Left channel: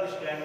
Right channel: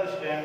Hello student,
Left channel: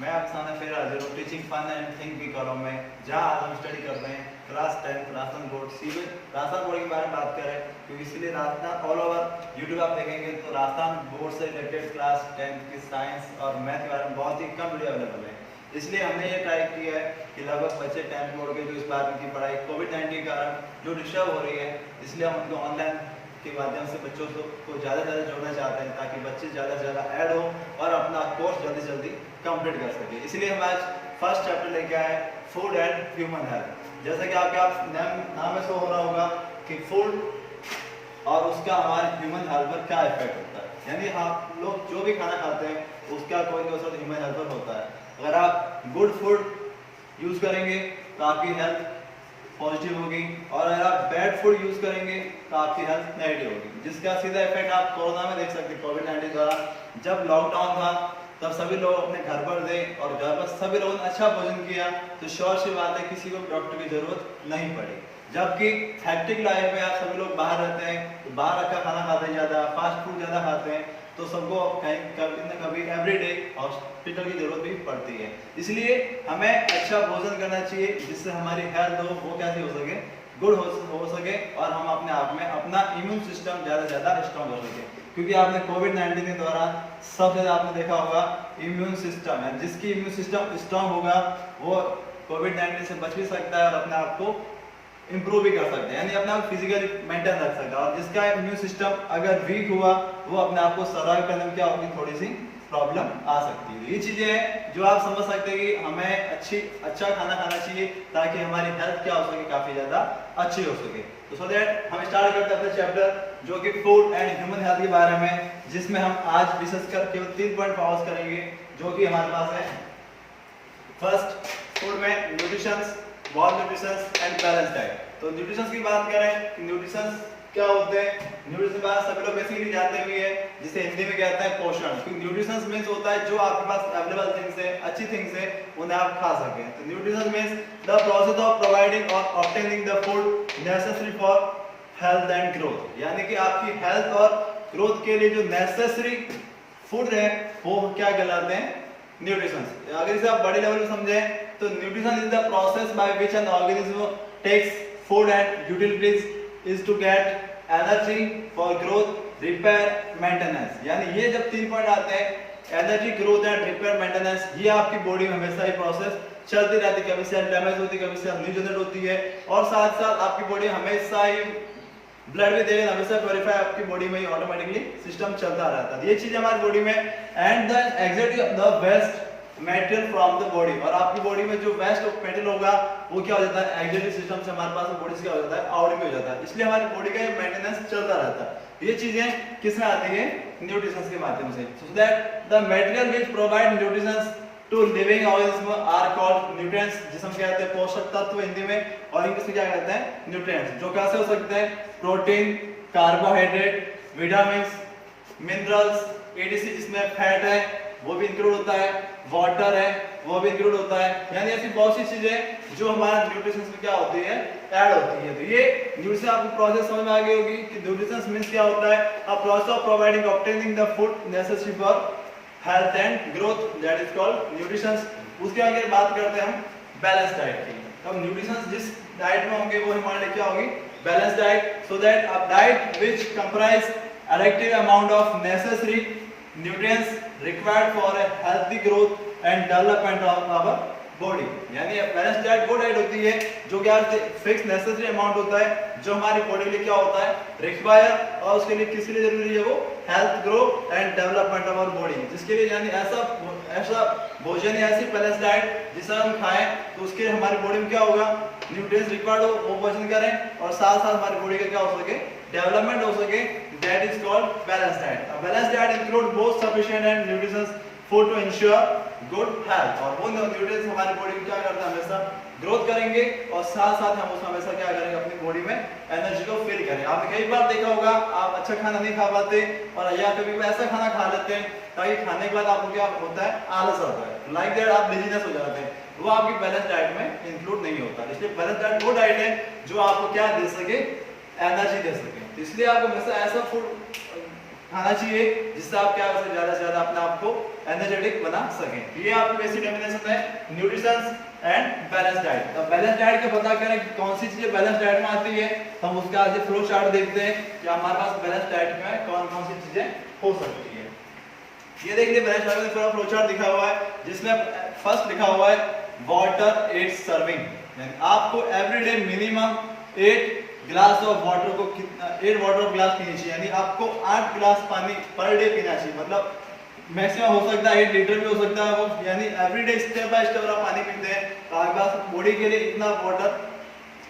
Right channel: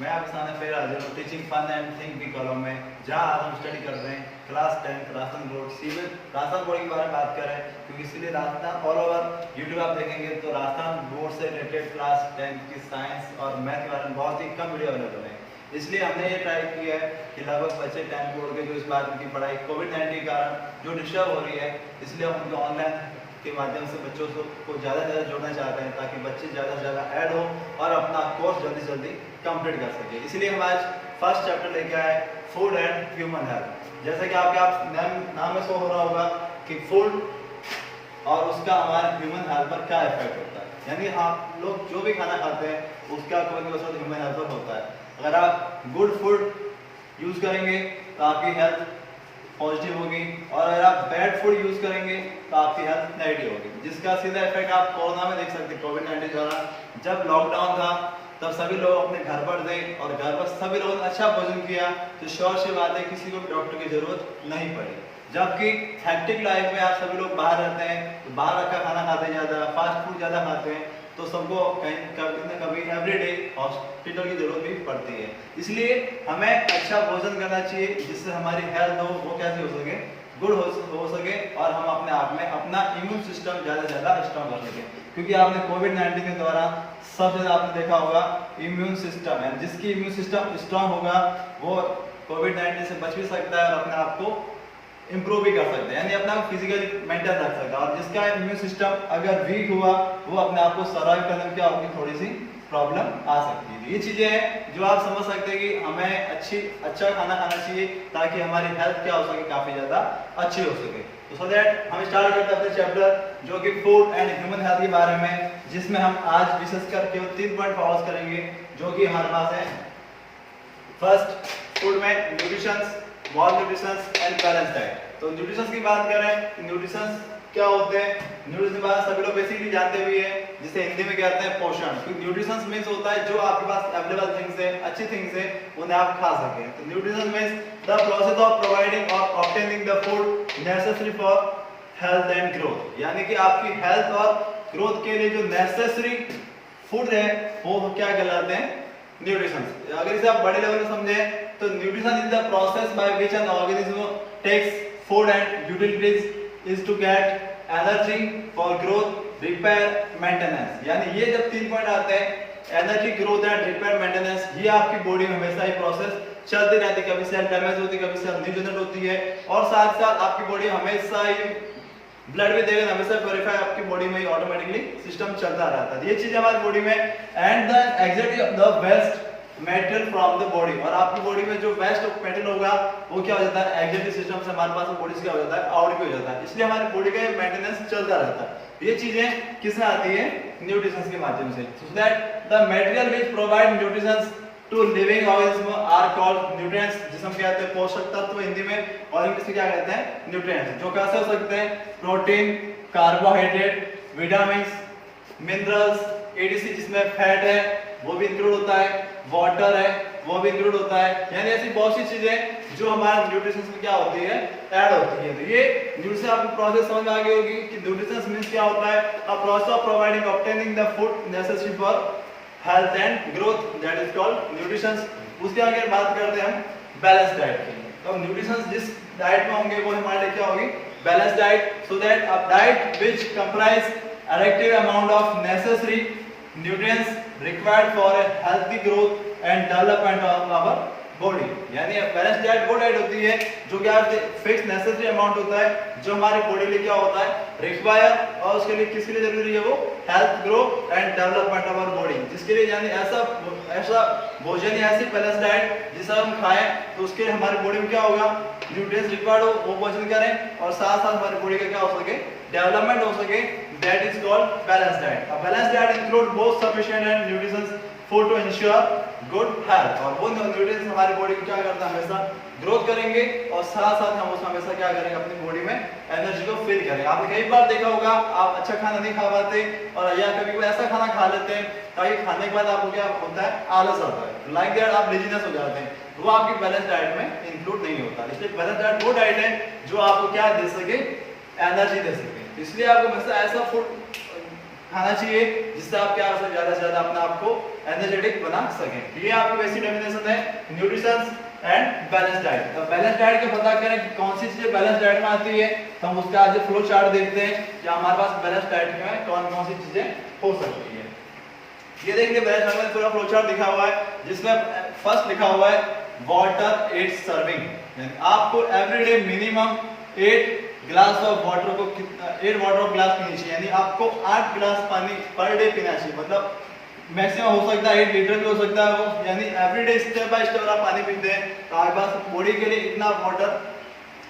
मैं आपके सामने फिर हाजिर हूँ टीचिंग फन एंड थिंक की कॉलम में, जहाँ आज हम स्टडी कर रहे हैं class 10 Rajasthan board civil Rajasthan board के बारे में बात कर रहे हैं। क्योंकि इसलिए राजस्थान ऑल ओवर यूट्यूब आप देखेंगे तो राजस्थान बोर्ड से रिलेटेड क्लास 10 की साइंस और मैथ के बारे में बहुत ही कम वीडियो अवेलेबल है। इसलिए हमने ये ट्राई किया है कि लगभग बच्चे 10th बोर्ड के जो इस बार उनकी पढ़ाई कोविड-19 के कारण जो डिस्टर्ब हो रही है, इसलिए हम उनको ऑनलाइन के माध्यम से बच्चों को ज़्यादा से ज़्यादा जोड़ना चाहते हैं ताकि बच्चे ज़्यादा से ज़्यादा ऐड हो और अपना कोर्स जल्दी से जल्दी कंप्लीट कर सके। इसलिए हम आज फर्स्ट चैप्टर लेके आए फूड एंड ह्यूमन हेल्थ। जैसे कि आपके नाम में शो हो रहा होगा कि फूड और उसका हमारे ह्यूमन हेल्थ पर क्या इफेक्ट होता है, यानी आप लोग जो भी खाना खाते हैं उसका कोई ना कोई ह्यूमन हेल्थ पर होता है। अगर आप गुड फूड यूज़ करेंगे तो आपकी हेल्थ पॉजिटिव होगी और अगर आप बैड फूड यूज करेंगे तो आपकी हेल्थ नेगेटिव होगी, जिसका सीधा इफेक्ट आप कोरोना में देख सकते हैं। कोविड-19 दौरान जब लॉकडाउन था तब सभी लोग अपने घर पर थे और घर पर सभी लोगों ने अच्छा भोजन किया, तो श्योर सी बात है किसी को भी डॉक्टर की जरूरत नहीं पड़ी। जबकि हेक्टिक लाइफ में आप सभी लोग बाहर रहते हैं तो बाहर रखा खाना खाते हैं, ज़्यादा फास्ट फूड ज़्यादा खाते हैं, तो सबको कहीं कभी न कभी एवरीडे हॉस्पिटल की जरूरत भी पड़ती है। इसलिए हमें अच्छा भोजन करना चाहिए जिससे हमारी हेल्थ हो वो कैसे हो सके, गुड हो सके और हम अपने आप में अपना इम्यून सिस्टम ज़्यादा से ज़्यादा स्ट्रॉन्ग कर सके। क्योंकि आपने कोविड-19 के दौरान सबसे ज़्यादा आपने देखा होगा इम्यून सिस्टम, यानी जिसकी इम्यून सिस्टम स्ट्रॉन्ग होगा वो कोविड-19 से बच भी सकता है और अपने आप को इंप्रूव भी कर सकते हैं, यानी अपना फिजिकली मेंटेन रख सकता है। और जिसका इम्यून सिस्टम अगर वीक हुआ वो अपने आप को सर्वाइव करने में क्या होगी, थोड़ी सी प्रॉब्लम आ सकती है। ये चीजें हैं जो आप समझ सकते हैं कि हमें अच्छा खाना खाना चाहिए ताकि हमारी हेल्थ क्या हो सके, काफी ज्यादा अच्छी हो सके। तो सो दैट हम स्टार्ट करते हैं अपने चैप्टर जो कि फूड एंड ह्यूमन हेल्थ के बारे में, जिसमें हम आज विशेषकर केवल 3 पॉइंट फोकस करेंगे जो कि हमारे पास है। फर्स्ट, फूड में nutrition, wall nutrition and balance diet. तो न्यूट्रिशन की बात करें, न्यूट्रिशन क्या होते हैं, न्यूट्रिशन की बात सभी लोग बेसिकली जानते भी है, जिसे हिंदी में कहते हैं पोषण। क्योंकि न्यूट्रिशन मींस होता है जो आपके पास अवेलेबल थिंग्स है, अच्छी थिंग्स है, उन्हें आप खा सकें। तो nutrition means the process of providing और obtaining the food necessary for health and growth, यानी कि आपकी हेल्थ और ग्रोथ के लिए जो नेसेसरी फूड है वो क्या कहलाते हैं, न्यूट्रिशन। अगर इसे आप बड़े लेवल में समझें तो nutrition is the process by which an organism takes food and utilities is to get energy for growth, repair, maintenance। यानी ये जब 3 पॉइंट आते हैं, energy, growth and repair, maintenance, ये आपकी बॉडी में हमेशा ही प्रोसेस चलती रहती है। कभी सेल डैमेज होती है, कभी सेल न्यू जनरेट होती है और साथ साथ आपकी बॉडी हमेशा ही ब्लड भी देगा, हमेशा प्योरीफाई आपकी बॉडी में ऑटोमेटिकली सिस्टम चलता रहता है। ये चीज हमारी बॉडी में and the exactly the best material from the body, और आपकी बॉडी में जो बेस्ट मेटेरियल होगा वो क्या हो जाता है, एक्सिलरी सिस्टम से हमारे पास बॉडी से क्या हो जाता है, आउट भी हो जाता है। इसलिए हमारी बॉडी का मेंटेनेंस चलता रहता है। ये चीजें किससे आती है, न्यूट्रिशन के माध्यम से। So that the material which provide nutrition to living organism are called nutrients, जिसे हम कहते हैं पोषक तत्व हिंदी में, और इंग्लिश में क्या कहते हैं, न्यूट्रिएंट्स। जो कैसे हो सकते हैं, protein, carbohydrate, vitamin, minerals, etc जिसमें फैट है वो भी इंक्लूड होता है, वाटर है वो भी इंक्लूड होता है, यानी ऐसी बहुत सी चीजें जो हमारे न्यूट्रिशन में क्या होती है, ऐड होती है। तो ये न्यूट्रिशन आपको प्रोसेस समझ में आ गई होगी कि न्यूट्रिशन मींस क्या होता है, a process of providing obtaining the food necessary for health and growth, that is called nutrition. उसके आगे बात करते हैं हम बैलेंस डाइट की। तो न्यूट्रिशन जिस डाइट में होंगे वो हमारे लिए क्या होगी, balance diet. So that a diet which comprise addictive amount of necessary nutrients required for a healthy growth and development of our body। यानी बैलेंस डाइट वो डाइट होती है जो क्या फिक्स नेसेसरी अमाउंट होता है जो हमारी बॉडी के लिए क्या होता है, रिक्वायर, और उसके लिए किसके लिए जरूरी है, वो health, growth and development of our body. जिसके लिए यानी ऐसा भोजन या ऐसी बैलेंस डाइट जिसे हम खाएं तो उसके लिए हमारी बॉडी में क्या होगा, न्यूट्रिएंट्स रिक्वायर्ड हो वो भोजन करें और साथ साथ हमारी बॉडी का क्या हो सके, डेवलपमेंट हो सके, that is called balanced diet। A balanced diet include both sufficient and nutritious food to ensure good health। और वो न्यूट्रिएंट्स हमारी बॉडी को क्या करता है, हमेशा ग्रोथ करेंगे और साथ साथ हम उसमें हमेशा क्या करेंगे, अपनी बॉडी में एनर्जी को फील करेंगे। आपने कई बार देखा होगा आप अच्छा खाना नहीं खा पाते और या कभी कोई ऐसा खाना खा लेते हैं ताकि खाने के बाद आपको क्या होता है, आलस आता है, लाइक दैट आप लेजीनेस हो जाते हैं, वो आपकी बैलेंस डाइट में इंक्लूड नहीं होता। इसलिए बैलेंस डाइट वो डाइट है जो आपको क्या दे सके, एनर्जी दे सके। तो इसलिए आपको हमेशा ऐसा फूड खाना चाहिए जिससे आप क्या कर सके, ज्यादा से ज्यादा अपने आप को एनर्जेटिक बना सकें। ये आपकी बेसिक डेफिनेशन है न्यूट्रिशन एंड बैलेंस डाइट। अब बैलेंस डाइट का पता करें कि कौन सी चीजें बैलेंस डाइट में आती है, तो हम उसका आज फ्लो चार्ट देखते हैं कि हमारे पास बैलेंस डाइट में कौन कौन सी चीजें हो सकती है। ये देखिए बैलेंस डाइट में पूरा फ्लो चार्ट लिखा हुआ है, जिसमें फर्स्ट लिखा हुआ है वाटर 8 सर्विंग, यानी आपको everyday minimum 8 glass of water को 8 वाटर ग्लास पीनी चाहिए, यानी आपको 8 ग्लास पानी पर डे पीना चाहिए। मतलब मैक्सिमम हो सकता है 8 लीटर भी हो सकता है वो, यानी एवरीडे स्टेप बाय स्टेप आप पानी पीते हैं तो आपके पास बॉडी के लिए इतना वाटर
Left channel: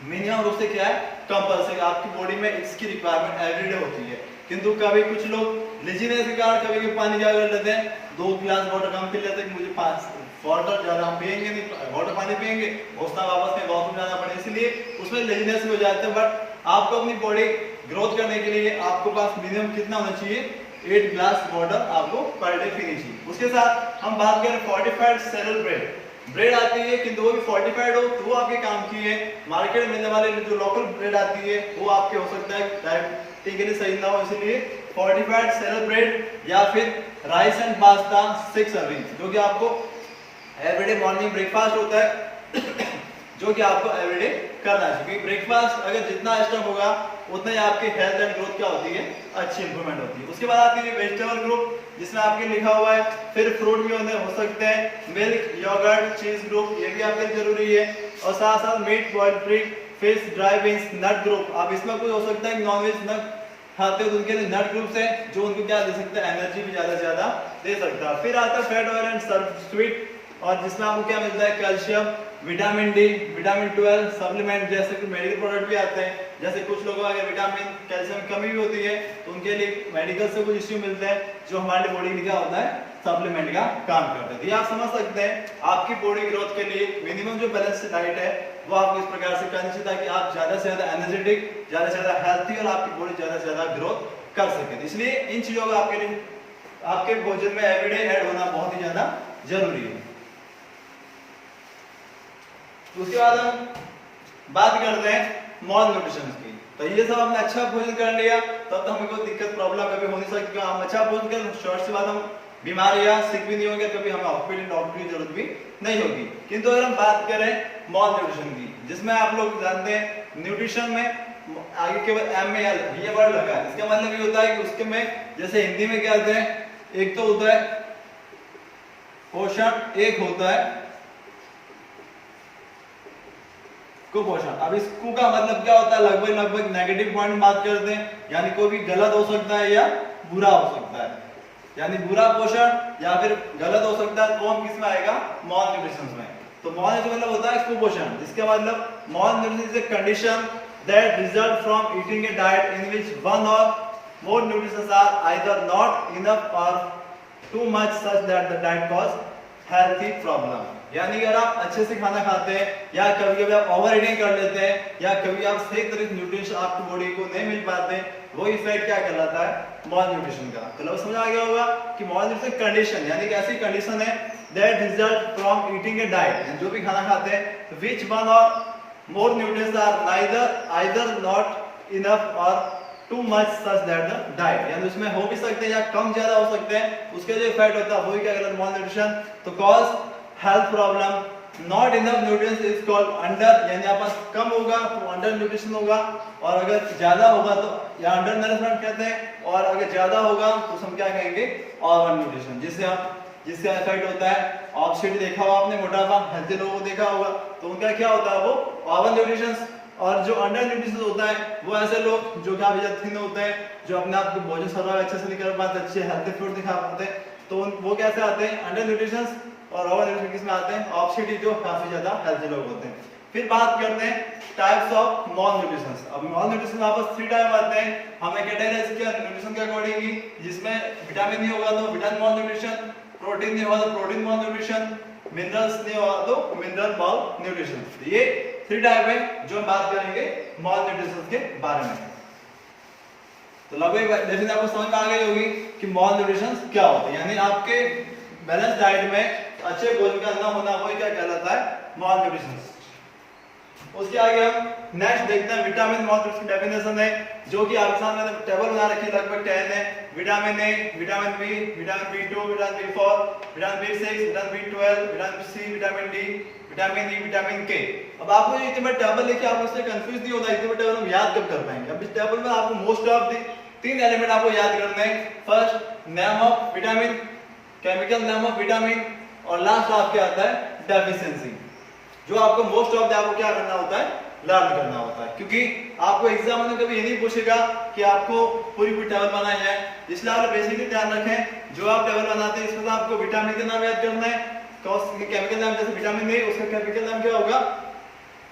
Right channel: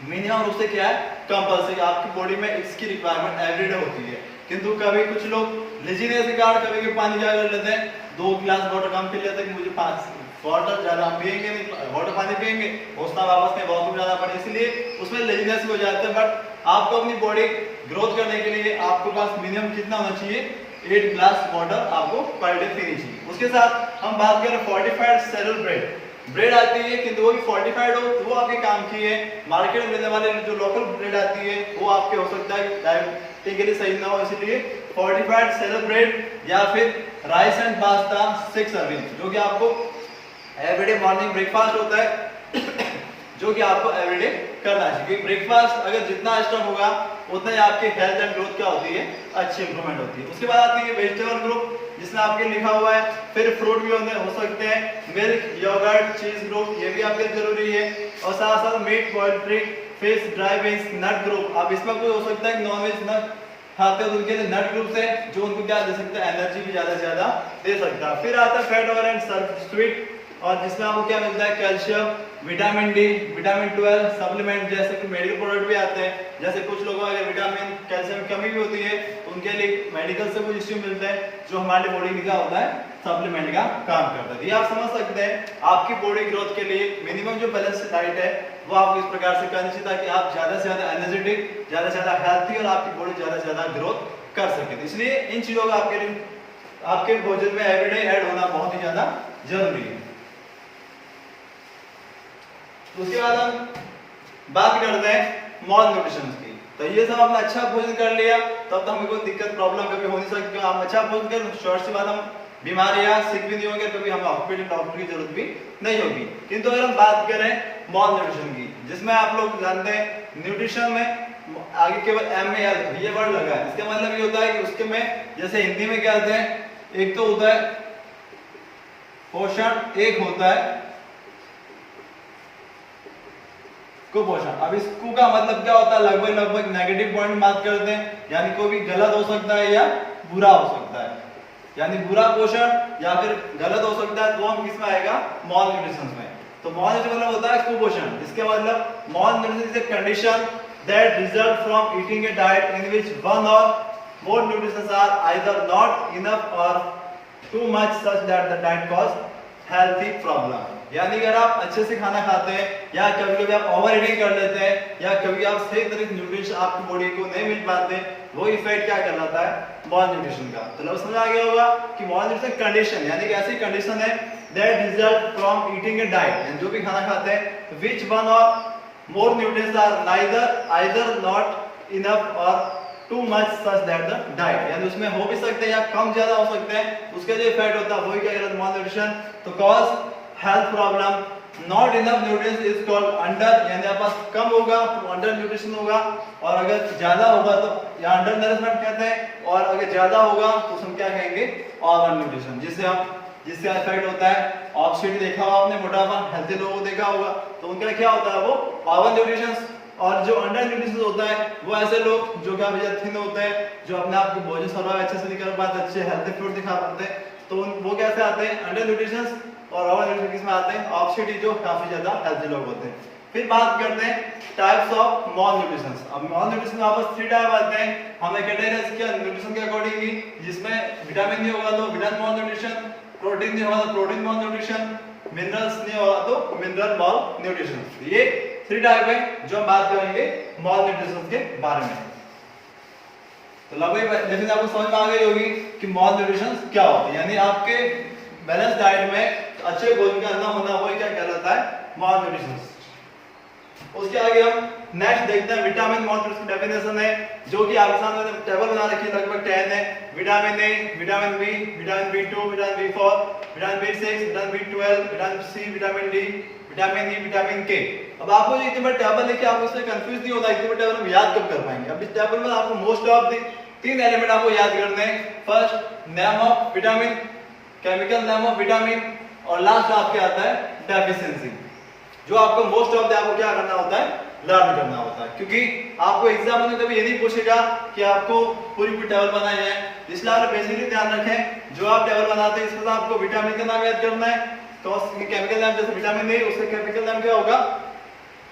मिनिमम रूप से क्या है कंपल्सरी, आपकी बॉडी में इसकी रिक्वायरमेंट एवरीडे होती है। किंतु कभी कुछ लोग लेजीनेस के कारण कभी भी पानी ज्यादा कर लेते हैं, 2 गिलास वाटर कम पी लेते हैं कि मुझे 5 वाटर ज्यादा हम पिएंगे नहीं, वाटर पानी पिएंगे उसका वापस में वॉशरूम जाना पड़े, इसलिए उसमें लेजीनेस हो जाते हैं। बट आपको अपनी बॉडी ग्रोथ करने के लिए आपको पास मिनिमम कितना होना चाहिए, 8 ग्लास वाटर आपको पर डे पीनी चाहिए। उसके साथ हम बात करें फोर्टिफाइड सेलुलर ब्रेड, ब्रेड आती है किंतु वो भी फोर्टिफाइड हो तो वो आपके काम की है। मार्केट में मिलने वाले जो लोकल ब्रेड आती है वो आपके हो सकता है डायबिटीज के लिए सही ना हो, इसलिए फोर्टिफाइड सेलुलर ब्रेड या फिर राइस एंड पास्ता 6 सर्विंग, जो कि आपको एवरीडे मॉर्निंग ब्रेकफास्ट होता है जो कि आपको एवरीडे करना चाहिए, क्योंकि ब्रेकफास्ट अगर जितना एक्स्ट्रा होगा उतना ही आपके हेल्थ एंड ग्रोथ क्या होती है, अच्छी इंप्रूवमेंट होती है। उसके बाद आती है वेजिटेबल ग्रुप, जिसमें आपके लिखा हुआ है, फिर फ्रूट भी हो सकते हैं, मिल्क, योगर्ट, चीज ग्रुप, ये भी आपके जरूरी है। और साथ साथ meat, boiled fruit, fish, dry beans, nut group. अब इसमें कोई हो सकता है नॉनवेज न खाते हो तो उनके लिए नट ग्रुप है जो उनको क्या दे सकता है, एनर्जी भी ज्यादा से ज्यादा दे सकता है। फिर आता है फैट ऑयल एंड स्वीट, और जिसमें आपको क्या मिलता है, calcium, vitamin D, vitamin 12 supplement, जैसे कि मेडिकल प्रोडक्ट भी आते हैं। जैसे कुछ लोगों को अगर विटामिन कैल्शियम की कमी भी होती है तो उनके लिए मेडिकल से कुछ इश्यू मिलता है जो हमारे बॉडी में क्या होता है, सप्लीमेंट का काम करता है। ये आप समझ सकते हैं आपकी बॉडी ग्रोथ के लिए मिनिमम जो बैलेंस डाइट है वो आपको इस प्रकार से करनी चाहिए ताकि आप ज्यादा से ज्यादा एनर्जेटिक, ज्यादा से ज्यादा हेल्थी और आपकी बॉडी ज्यादा से ज्यादा ग्रोथ कर सके। इसलिए इन चीजों का आपके भोजन में एवरीडे ऐड होना बहुत ही ज्यादा जरूरी है। उसके बाद हम बात करते हैं मॉल न्यूट्रिशन की। तो ये सब हमने अच्छा भोजन कर लिया तब तो हमें कोई दिक्कत प्रॉब्लम कभी हो नहीं सकती। हम अच्छा भोजन कर शॉर्ट से बाद हम बीमार या सिक भी नहीं होंगे, कभी हमें ऑर्थोपेडिक डॉक्टर की जरूरत भी नहीं होगी। किंतु अगर हम बात करें मॉल न्यूट्रिशन की, जिसमें आप लोग जानते हैं न्यूट्रिशन में आगे केवल MAL ये वर्ड लगा है, इसका मतलब ये होता है कि उसके में जैसे हिंदी में क्या होता है, एक तो होता है पोषण, एक होता है कुपोषण। अब इस कु का मतलब क्या होता है, लगभग नेगेटिव पॉइंट बात करते हैं, यानी कोई भी गलत हो सकता है या बुरा हो सकता है, यानी बुरा पोषण या फिर गलत हो सकता है, तो हम किसमें आएगा, मॉल न्यूट्रिशन में। तो मॉल न्यूट्रिशन मतलब होता है कुपोषण, जिसके मतलब malnutrition is a condition that result from eating a diet in which one और more nutritions are either not enough और too much such that the diet cause healthy problem. यानी अगर आप अच्छे से खाना खाते हैं या कभी-कभी आप ओवर ईटिंग कर लेते हैं या कभी आप सही तरह से न्यूट्रिशन आपकी बॉडी को नहीं मिल पाते, वो इफेक्ट क्या कहलाता है, मॉल न्यूट्रिशन का। तो लोग समझ आ गया होगा कि मॉल न्यूट्रिशन कंडीशन यानी कि ऐसी कंडीशन है that result from eating a diet, जो भी खाना खाते हैं व्हिच वन और more nutrients are either not enough और too much such that the diet, यानी उसमें हो भी सकते हैं या कम ज्यादा हो सकते हैं, उसका जो इफेक्ट होता है वही क्या कहलाता है, मॉल न्यूट्रिशन। तो cause health problem, not enough nutrients is called under, यानी आप पास कम होगा तो अंडर न्यूट्रिशन होगा, और अगर ज्यादा होगा तो या अंडर नरिशमेंट कहते हैं, और अगर ज्यादा होगा तो हम क्या कहेंगे, ओवर न्यूट्रिशन, जिससे इफेक्ट होता है ऑब्सिटी। देखा होगा आपने, मोटापा, हेल्थी लोगों को देखा होगा, तो उनका क्या होता है, वो ओवर न्यूट्रिशन। और जो अंडर न्यूट्रिशन होता है वो ऐसे लोग जो काफी ज्यादा थिन होते हैं, जो अपने आप को भोजन सर्वाइव अच्छे से नहीं कर पाते, अच्छे हेल्थी फूड दिखा पाते हैं, तो वो कैसे आते हैं, अंडर न्यूट्रिशन। और ओवर न्यूट्रिशन किसमें आते हैं, ऑब्सिटी, जो काफी ज्यादा हेल्थी लोग होते हैं। फिर बात करते हैं टाइप्स ऑफ मॉल न्यूट्रिशन। अब मॉल न्यूट्रिशन में आपस 3 टाइप आते हैं, हमने कैटेगराइज किया न्यूट्रिशन के अकॉर्डिंग ही, जिसमें विटामिन नहीं होगा तो विटामिन मॉल न्यूट्रिशन, प्रोटीन नहीं होगा तो प्रोटीन मॉल न्यूट्रिशन, मिनरल्स नहीं होगा तो मिनरल मॉल न्यूट्रिशन। ये 3 टाइप है जो हम बात करेंगे मॉल न्यूट्रिशन के बारे में। तो लगभग जैसे आपको समझ में आ गई होगी कि मॉल न्यूट्रिशन क्या होता है, यानी आपके बैलेंस डाइट में अच्छे भोजन का न होना वही क्या कहलाता है, मॉल न्यूट्रिशन। उसके आगे हम नेक्स्ट देखते हैं विटामिन मॉल की डेफिनेशन है, जो कि आपके सामने टेबल बना रखी है, लगभग 10 है। Vitamin A, vitamin B, vitamin बी2, vitamin B4, vitamin B6, vitamin B12, vitamin C, vitamin D, vitamin E, vitamin के। अब आपको ये इतने बड़े टेबल लेके आपको इससे कंफ्यूज नहीं होना, इतने बड़े टेबल हम याद कब कर पाएंगे। अब इस टेबल में आपको मोस्ट ऑफ द 3 एलिमेंट आपको याद करने हैं। First name of vitamin, chemical name of vitamin, और लास्ट आपके आता है डेफिशिएंसी, जो आपको मोस्ट ऑफ द आपको क्या करना होता है, लर्न करना होता है। क्योंकि आपको एग्जाम में कभी ये नहीं पूछेगा कि आपको पूरी टेबल बनाई है, इसलिए आप बेसिकली ध्यान रखें जो आप टेबल बनाते हैं इसमें आपको विटामिन का नाम याद करना है, केमिकल नाम जैसे विटामिन ए उसका केमिकल नाम क्या होगा,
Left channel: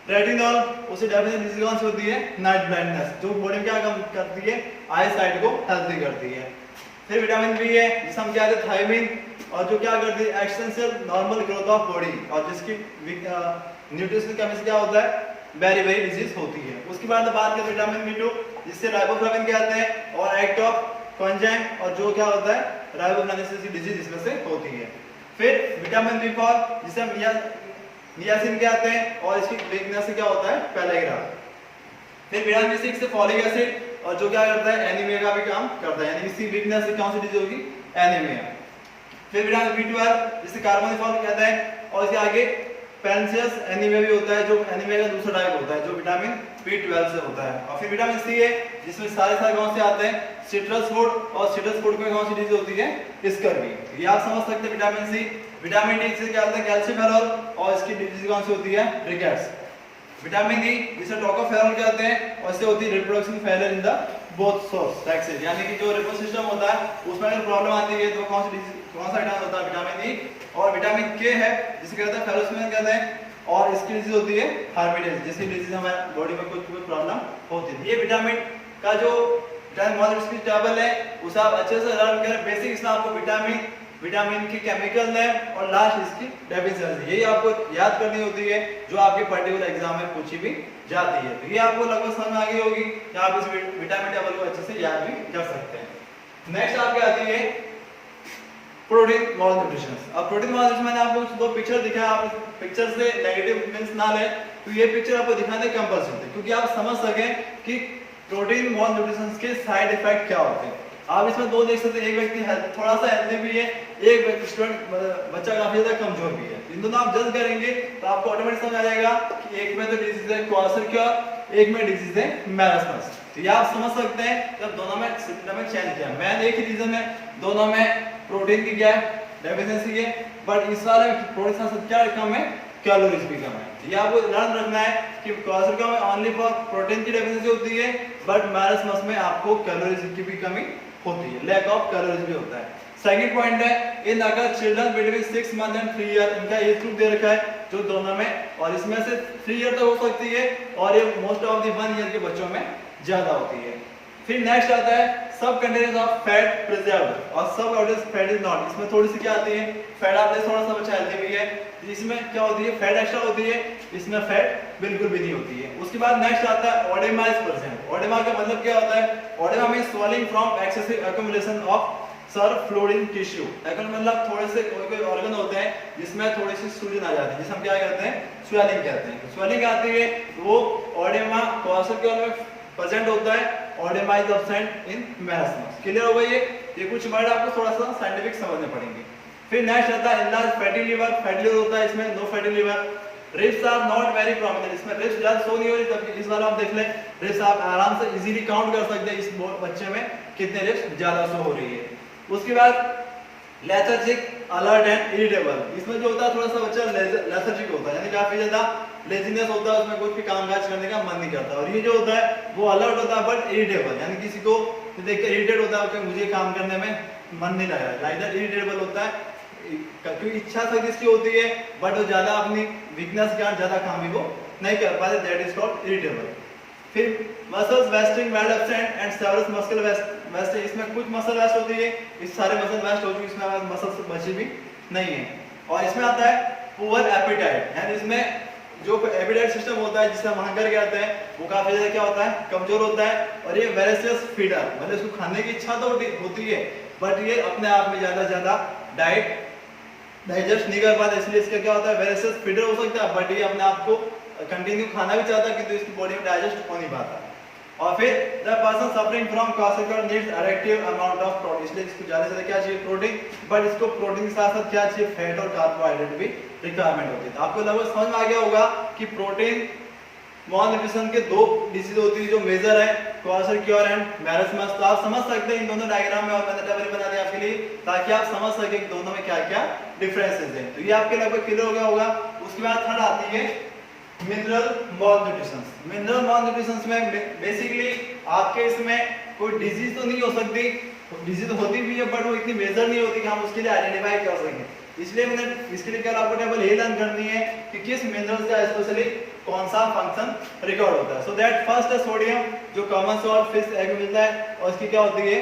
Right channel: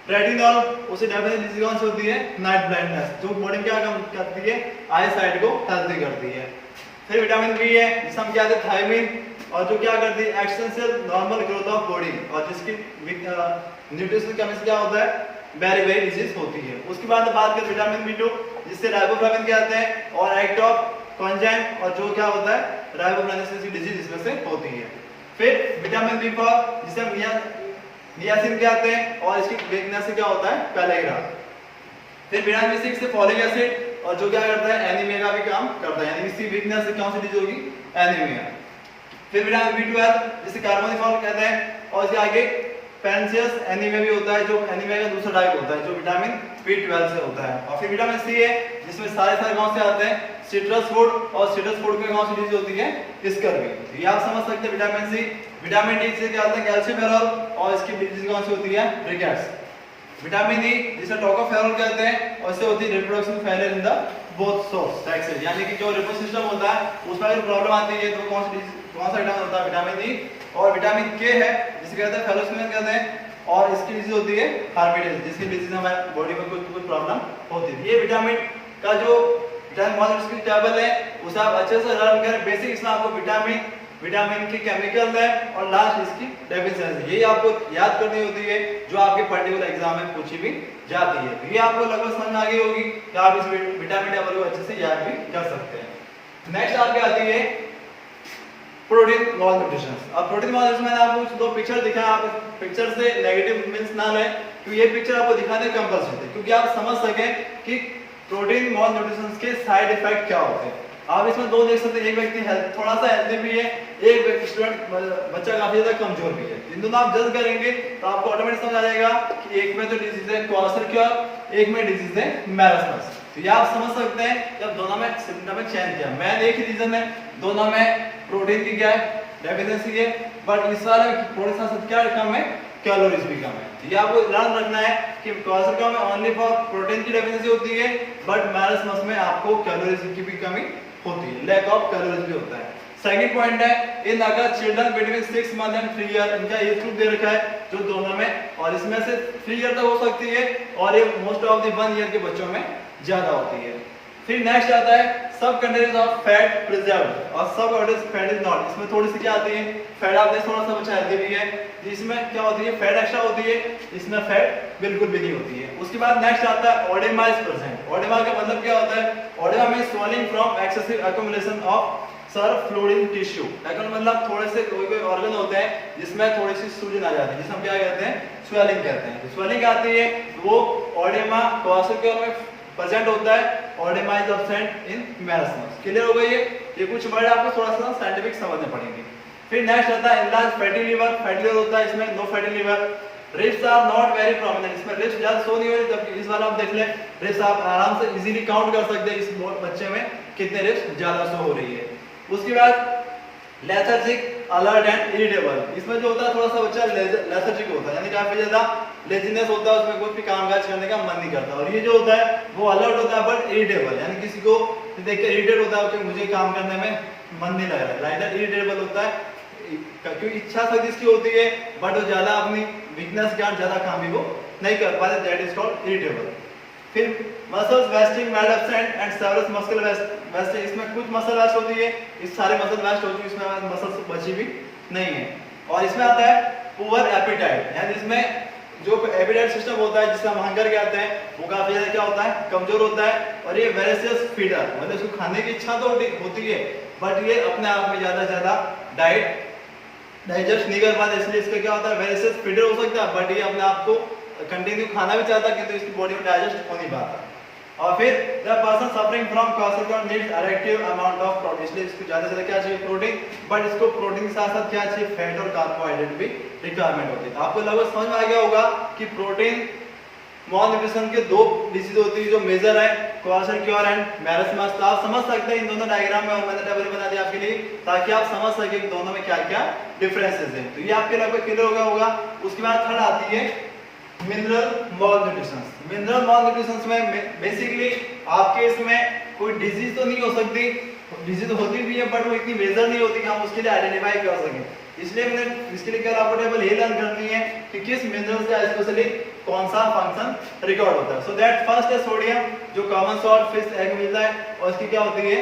रेटिनॉल, उसे डेफिनेशन कौन सी होती है, नाइट ब्लाइंडनेस, जो बॉडी में क्या काम करती है, आई साइट को हेल्दी करती है। फिर विटामिन बी है जिसे हम क्या कहते हैं थायमिन, और जो क्या करती है extensive normal growth of body, और जिसकी न्यूट्रिशन कमी से क्या होता है, वेरी वेरी डिजीज होती है। उसके बाद बात करें विटामिन बी2 जिससे राइबोफ्लाविन कहते हैं, और एक्ट ऑफ कॉन्जाइम, और जो क्या होता है राइबोफ्लाविन की डिजीज इसमें से होती है। फिर विटामिन बी4 जिसे हम नियासिन कहते हैं, और इसकी वीकनेस से क्या होता है, पैलेग्रा। फिर विटामिन बी6 से फॉलिक एसिड, और जो क्या करता है एनीमिया का भी काम करता है, यानी इसकी वीकनेस से कौन सी डिजीज होगी, एनीमिया। फिर विटामिन बी12 जिसे कार्बोनिफॉल कहते हैं, और इसके आगे पेनिसियस एनीमिया भी होता है, जो एनीमिया का दूसरा टाइप होता है जो विटामिन बी12 से होता है। और फिर विटामिन सी है जिसमें सारे कौन से आते हैं, सिट्रस फूड, और सिट्रस फूड में कौन सी डिजीज होती है, स्कर्वी। ये आप समझ सकते हैं विटामिन सी। विटामिन डी से क्या होता है, कैल्शियम, और इसकी डिजीज कौन सी होती है, रिकेट्स। विटामिन ई जिसे टोकोफेरोल कहते हैं, और इससे होती है reproduction failure in the both source sexes, यानी कि जो रिप्रोडक्शन सिस्टम होता है उसमें अगर प्रॉब्लम आती है तो कौन सा विटामिन होता है, विटामिन ई। और विटामिन के है जिसे कहते हैं फेलोस्मिन कहते हैं, और इसकी डिजीज होती है हार्मिडेज, जिसकी डिजीज हमारे बॉडी में कुछ प्रॉब्लम होती है। ये विटामिन का जो विटामिन टेबल है उसे आप अच्छे से लर्न करें। बेसिक इसमें आपको विटामिन की केमिकल है, और लास्ट इसकी डेफिशिएंसी, यही आपको याद करनी होती है जो आपके पर्टिकुलर एग्जाम में पूछी भी जाती है। ये आपको लगभग समझ आ गई होगी कि आप इस विटामिन टेबल को अच्छे से याद भी कर सकते हैं। नेक्स्ट आपके आती है प्रोटीन मॉल न्यूट्रिशन। अब प्रोटीन मॉल न्यूट्रिशन मैंने आपको दो पिक्चर दिखाया, आप इस पिक्चर से नेगेटिव मींस ना लें, तो ये पिक्चर आपको दिखाने कंपल्सरी है क्योंकि आप समझ सकें कि प्रोटीन मॉल न्यूट्रिशन के साइड इफेक्ट क्या होते हैं। आप इसमें दो देख सकते हैं, एक व्यक्ति थोड़ा सा हेल्दी भी है, एक स्टूडेंट बच्चा काफी ज्यादा कमजोर भी है। इन दोनों आप जज करेंगे तो आपको ऑटोमेटिक समझ आ जाएगा कि एक में तो डिजीज है क्वार्टर, एक में डिजीज है मैरास्मस। तो ये आप समझ सकते हैं कि अब दोनों में सिम्टम चेंज क्या है। मैं एक ही रीजन है, दोनों में प्रोटीन की क्या है, डेफिशिएंसी है, बट इस वाले में प्रोटीन का सब क्या कम है, कैलोरीज भी कम है। ये आपको ध्यान रखना है कि क्वार्टर में ओनली फॉर प्रोटीन की डेफिशिएंसी होती है, बट मैरास्मस में आपको कैलोरीज की भी कमी होती है, लैक ऑफ कैलोरीज भी होता है। सेकंड पॉइंट है, इन अगर children between 6 month and 3 year, इनका एज ग्रुप दे रखा है जो दोनों में, और इसमें से 3 ईयर तक हो सकती है, और ये मोस्ट ऑफ द 1 ईयर के बच्चों में ज्यादा होती है। फिर नेक्स्ट आता है सब कंटेंट्स ऑफ फैट प्रिजर्व्ड, और सब कंटेंट्स फैट इज नॉट। इसमें थोड़ी सी क्या आती है, फैट आपने थोड़ा सा बचा हेल्दी भी है, जिसमें क्या होती है फैट एक्स्ट्रा होती है, इसमें फैट बिल्कुल भी नहीं होती है। उसके बाद नेक्स्ट आता है ओडेमा इज प्रेजेंट। ओडेमा का मतलब क्या होता है, oedema means swelling from excessive accumulation of serous fluid in tissue. मतलब थोड़े से कोई ऑर्गन होते हैं जिसमें थोड़ी सी सूजन आ जाती है, जिसे हम क्या कहते हैं, स्वेलिंग कहते हैं। स्वेलिंग आती है वो ओडेमा क्वार्टर में प्रेजेंट होता है, oedema is absent in marasmus. Clear हो गई है? ये कुछ वर्ड आपको थोड़ा सा साइंटिफिक समझने पड़ेंगे। फिर नेक्स्ट आता है enlarge fatty liver. Fatty liver होता है, इसमें no fatty liver. Ribs are not very prominent, इसमें रिब्स ज्यादा शो नहीं हो रही, जबकि इस वाला आप देख ले रिब्स आप आराम से इजीली काउंट कर सकते हैं इस बच्चे में कितने रिब्स ज्यादा शो हो रही है। उसके बाद लेथार्जिक, अलर्ट एंड इरिटेबल। इसमें जो होता है थोड़ा सा बच्चा लेथार्जिक होता है, यानी काफी ज्यादा लेजीनेस होता है, उसमें कुछ भी काम काज करने का मन नहीं करता। और ये जो होता है वो अलर्ट होता है बट इरिटेबल, यानी किसी को देख कर इरिटेट होता है कि मुझे काम करने में मन नहीं लग रहा है, लाइक दैट इरिटेबल होता है। क्योंकि इच्छा शक्ति इसकी होती है बट वो ज्यादा अपनी वीकनेस के कारण ज्यादा काम ही वो नहीं कर पाते, दैट इज कॉल्ड इरिटेबल। फिर muscles wasting mild absent and severe muscle waste. इसमें कुछ मसल वेस्ट होती है, इस सारे मसल वेस्ट हो चुकी, इसमें मसल बची भी नहीं है। और इसमें आता है पुअर एपेटाइट, यानी इसमें जो एपेटाइट सिस्टम होता है जिसे हम हंगर कहते हैं वो काफी ज्यादा क्या होता है, कमजोर होता है। और ये वेरेसियस फीडर, मतलब इसको खाने की इच्छा तो होती है बट ये अपने आप में ज्यादा डाइट डाइजेस्ट नहीं कर पाता, इसलिए इसका क्या होता है वेरेसियस फीडर हो सकता है बट ये अपने आप को कंटिन्यू खाना भी चाहता है किंतु इसकी बॉडी में डाइजेस्ट हो नहीं पाता। और फिर the person suffering from classical needs addictive amount of protein, इसलिए इसको ज्यादा से ज्यादा क्या चाहिए प्रोटीन, बट इसको प्रोटीन के साथ साथ क्या चाहिए फैट और कार्बोहाइड्रेट भी रिक्वायरमेंट होती है। तो आपको लगभग समझ में आ गया होगा कि प्रोटीन मॉल न्यूट्रिशन के दो डिसीज होती है जो मेजर है क्वार्टर एंड मैरस्मस। तो आप समझ सकते हैं इन दोनों डायग्राम में, और मैंने टेबल बना दिया आपके लिए ताकि आप समझ सके कि दोनों में क्या क्या डिफरेंसेस हैं। तो ये आपके लगभग क्लियर हो गया होगा। उसके बाद थर्ड आती है mineral mall nutrition. Mineral mall nutrition में बेसिकली आपके इसमें कोई डिजीज तो नहीं हो सकती, डिजीज होती भी है बट वो इतनी मेजर नहीं होती कि हम उसके लिए आइडेंटिफाई कर सकें। इसलिए मैंने इसके लिए क्या आपको टेबल ये लर्न करनी है कि किस मिनरल्स का स्पेशली कौन सा फंक्शन रिकॉर्ड होता है। सो दैट फर्स्ट है सोडियम, जो कॉमन सोर्स फिश एग में मिलता है, और इसकी क्या होती है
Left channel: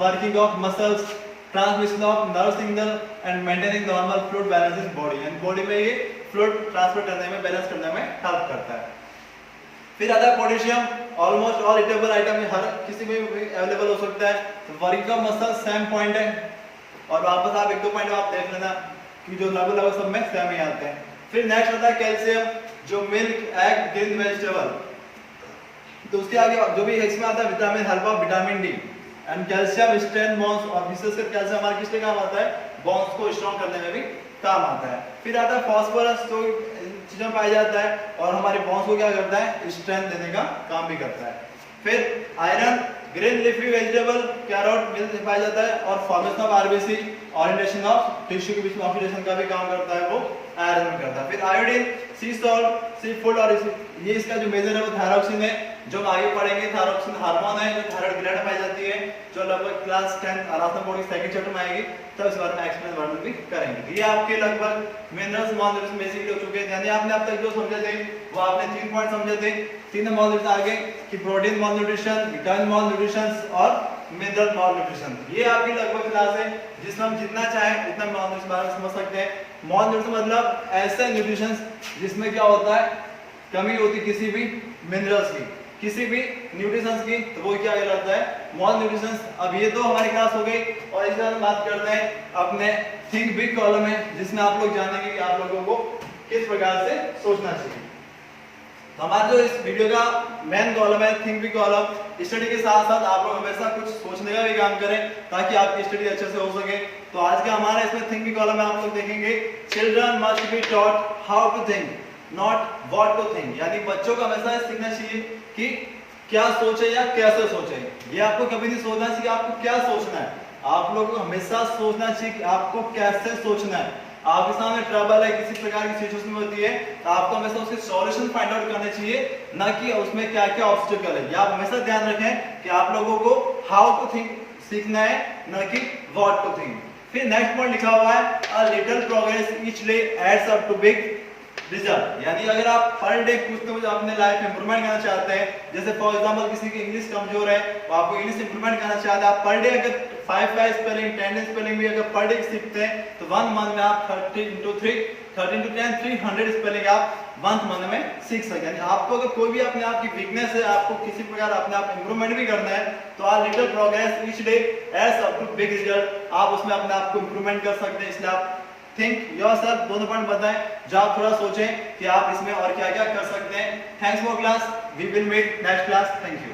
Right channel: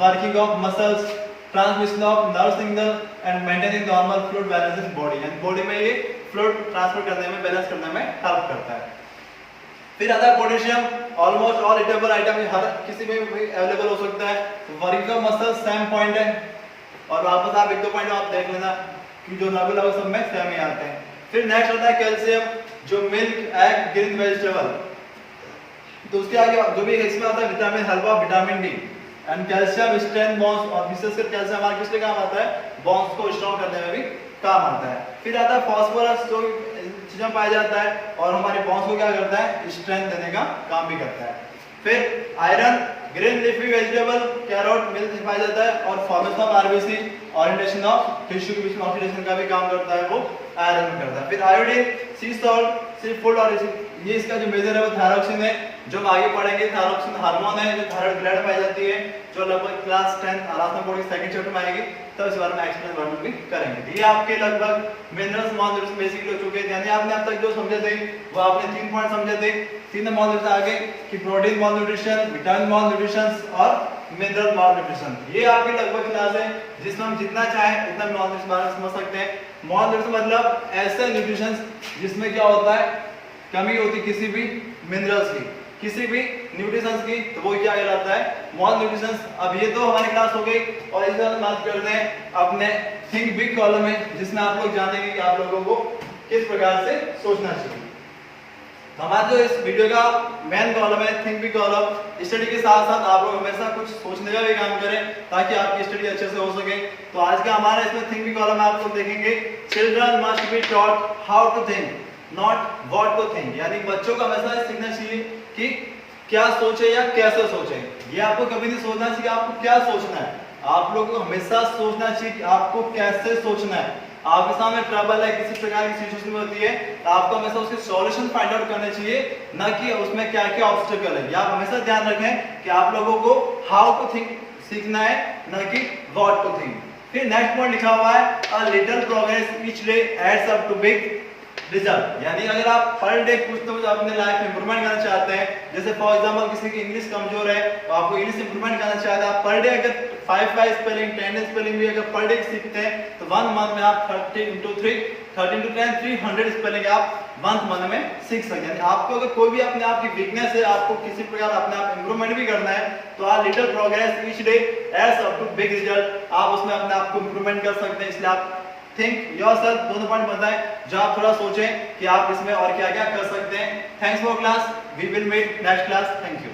working of muscles, transmission of nerve signal and maintaining normal fluid balance in body, यानी बॉडी में ये फ्लूइड ट्रांसफर करने में, बैलेंस करने में हेल्प करता है। फिर आता है potassium, almost all eatable item हर किसी में अवेलेबल हो सकता है। तो working of muscle same point है, और वापस आप एक दो पॉइंट आप देख लेना कि जो लगभग सब में सेम ही आते हैं। फिर नेक्स्ट आता है कैल्शियम, जो मिल्क, एग, ग्रीन वेजिटेबल। तो उसके आगे जो भी इसमें आता है vitamin, help of vitamin D and calcium strength bones, और विशेषकर कैल्शियम हमारे किस लिए काम आता है बोन्स को स्ट्रॉन्ग करने में भी काम आता है। फिर आता है फास्फोरस, जो चीजों में पाया जाता है और हमारे बोन्स को क्या करता है स्ट्रेंथ देने का काम भी करता है। फिर iron, green leafy vegetable, carrot, milk में पाया जाता है, और formation of RBC, orientation of tissue के बीच में ऑक्सीडेशन का भी काम करता है, वो आयरन में करता है। फिर आयोडीन, सी सॉल्ट, सी फूड, और ये इसका जो मेजर है वो थायरोक्सिन है, जो आगे पढ़ेंगे। थायरोक्सिन हार्मोन है जो थायराइड ग्लैंड में पाई जाती है, जो लगभग क्लास 10 आराम बोर्ड की सेकंड चैप्टर में आएगी, तो इस बारे में एक्सप्लेन वर्णन भी करेंगे। ये आपके लगभग मिनरल्स मॉल न्यूट्रिशन बेसिकली हो चुके हैं, यानी आपने अब तक जो समझे थे वो आपने 3 पॉइंट समझे थे। 3 मॉल न्यूट्रिशन आगे कि protein mall nutrition, vitamin mall nutrition और मिनरल मॉल न्यूट्रिशन। ये आपकी लगभग क्लास है जिसमें हम जितना चाहे उतना मॉल न्यूट्रिशन बारे में समझ सकते हैं। मॉल न्यूट्रिशन मतलब ऐसा न्यूट्रिशन जिसमें क्या होता है कमी होती किसी भी मिनरल्स की, किसी भी न्यूट्रिशंस की, तो वो क्या कहलाता है मॉल न्यूट्रिशंस। अब ये तो हमारी क्लास हो गई, और इस बार बात करते हैं अपने थिंक बिग कॉलम में, जिसमें आप लोग जानेंगे कि आप लोगों को किस प्रकार से सोचना चाहिए। हमारा जो इस वीडियो का मेन कॉलम है थिंक बिग कॉलम, स्टडी के साथ साथ आप लोग हमेशा कुछ सोचने का भी काम करें ताकि आपकी स्टडी अच्छे से हो सके। तो आज का हमारा इसमें थिंक बिग कॉलम में आप लोग देखेंगे children must be taught how to think not what to think, यानी बच्चों को हमेशा सीखना चाहिए कि क्या सोचे या कैसे सोचे। ये आपको कभी नहीं सोचना चाहिए आपको क्या सोचना है, आप लोगों को हमेशा सोचना चाहिए कि आपको कैसे सोचना है। आपके सामने ट्रबल है, किसी प्रकार की सिचुएशन में होती है, तो आपको हमेशा उसके सॉल्यूशन फाइंड आउट करने चाहिए, ना कि उसमें क्या क्या ऑब्स्टेकल है। आप हमेशा ध्यान रखें कि आप लोगों को हाउ टू थिंक सीखना है, ना कि व्हाट टू थिंक। फिर नेक्स्ट पॉइंट लिखा हुआ है a little progress each day adds up to big result, यानी अगर आप पर डे कुछ तो कुछ अपने लाइफ में इंप्रूवमेंट करना चाहते हैं, जैसे फॉर एग्जांपल किसी की इंग्लिश कमजोर है तो आपको इंग्लिश इंप्रूवमेंट करना चाहते हैं, आप पर डे अगर 5 स्पेलिंग 10 स्पेलिंग भी अगर पर डे सीखते हैं तो 1 मंथ में आप 30 into 3 13 to 10 300 स्पेलिंग आप 1 मंथ में सीख सकते हैं। आपको अगर कोई भी अपने आप की वीकनेस है, आपको किसी प्रकार अपने आप इंप्रूवमेंट भी करना है, तो आप little progress each day adds up to big result, आप उसमें अपने आप को इंप्रूवमेंट कर सकते हैं। इसलिए आप थिंक योरसेल्फ दोनों पॉइंट बताएं जो आप थोड़ा सोचें कि आप इसमें और क्या क्या कर सकते हैं। Thanks for class, we will meet next class, thank you.